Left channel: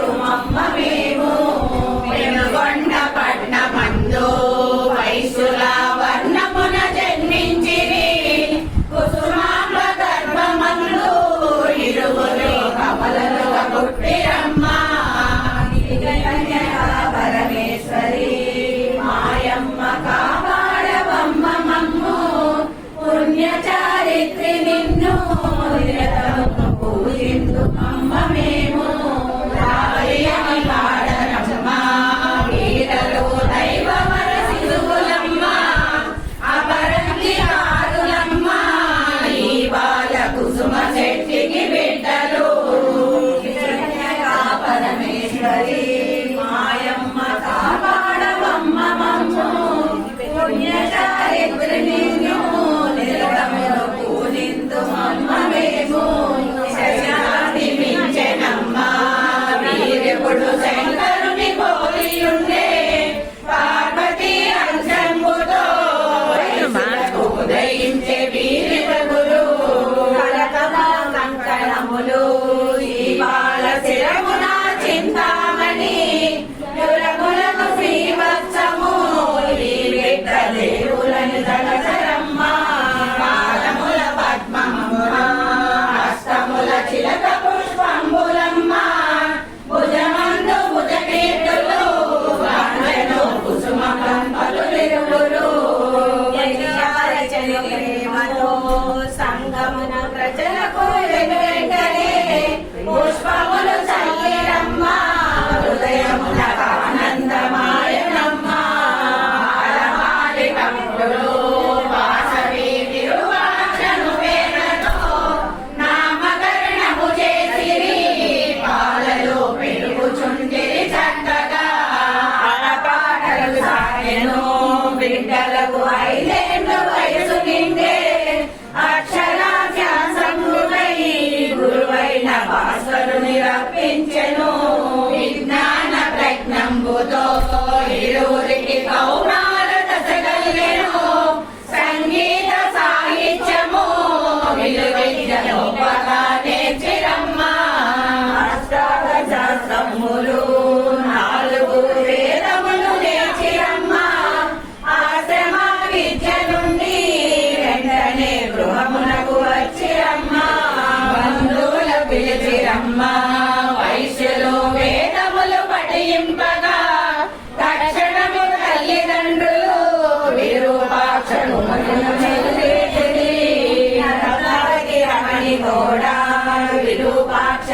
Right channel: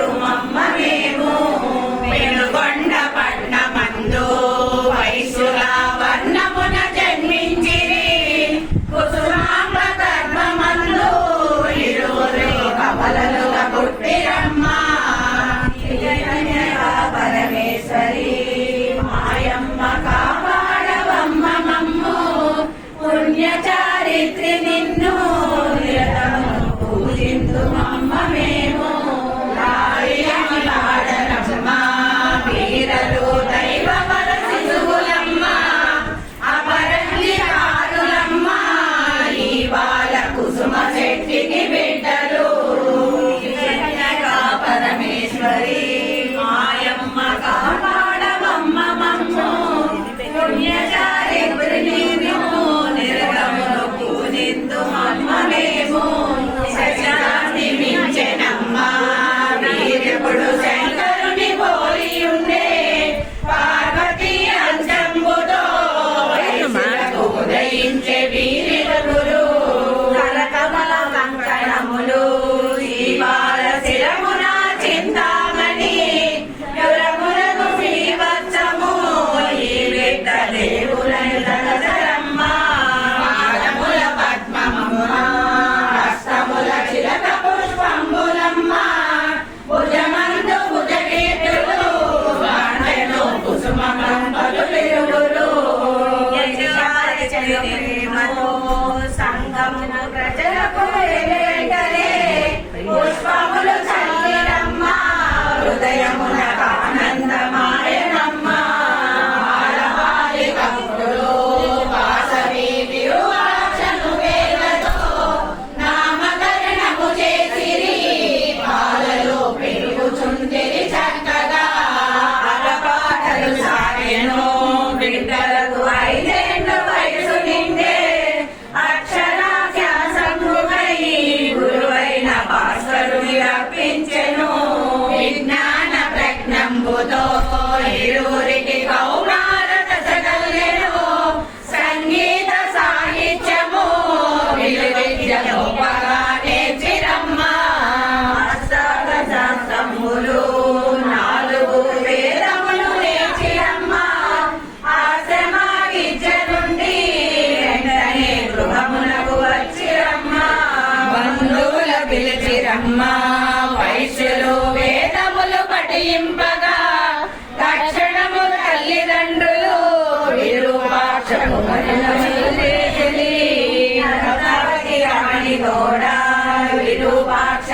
పూజింతుమమ్మ మేము పెనుగొండ పట్నమందు వైశ్యుల వర్ణమున జన్మించిరి కుసుమాంబ గర్భమందు ఇరువురు కమలలుగా పుట్టిరమ్మ పరమేశ్వరి మాయమ్మ కాపాడవమ్మ మమ్ము పుణ్యచారిత్రి నిన్ను నిరతము పూజింతుమమ్మ మేము పాడనమ్మ వీరలు దైవవర శిశువులమ్మ అపరంజిరారులమ్మ ఈ బాల కుసుమ శెట్టికి బిడ్డలు పరమేశ్వరి మాయమ్మ కాపాడవమ్మ మమ్ము పుణ్యచారిత్రి నిన్ను నిరతమును పూజింతుమమ్మ మేము శశాంతి మించెనమ్మ వీరెప్పుడు శంకరుని పోలియుండే పార్వతీ అంశంబుతో ఉదయించే వీరిరువురు కరకమల కంకణములు జీవాల శిరమున చింతామణి యురములకు శ్రీవత్సము ఈ బిడ్డ దేవులని తలసరమ్మ పాదముల పద్మమ్మ హస్తముల చిలక పుష్పంబులమ్మ భుజమందు భుజకీర్తులు గాండెను కుసుమకంపలు తిరుగురు సంగమున ప్రజలకు వెంటనే పుష్పములు చల్లిరమ్మ హృదయమున ఆనందమాయనమ్మ బాలబాలికములు వాసవి తిరువాచను వేలతో నామకరణము చేసిరి పాలలు పెరుగుచుండిరి చక్కగా అరపాటలు సాగెను బిడ్డలకు 5 ఏళ్ల వయసు నిండే అక్షరాభ్యాసముపై గురువైన భాస్కరుని రప్పించెను విజ్ఞాన ప్రజ్ఞంబుతో ఇరువురికి కౌమారత సగలిగెను సంగీత సాహిత్యము విలువైన గొప్పగా నేర్చిరమ్మ శాస్త్రములు 4 వేదములు నేర్చిరమ్మ ఆశ్రమ విద్య నుండి వెంటనే గృహమునకు వచ్చిరమ్మ బంధువుల పిలిచిరమ్మ వైశ్యులు వేదములు పఠింపగా రక్షణము తల్లిదండ్రులు విరూపాక్షములను రమణి తోడ విరూపాక్ష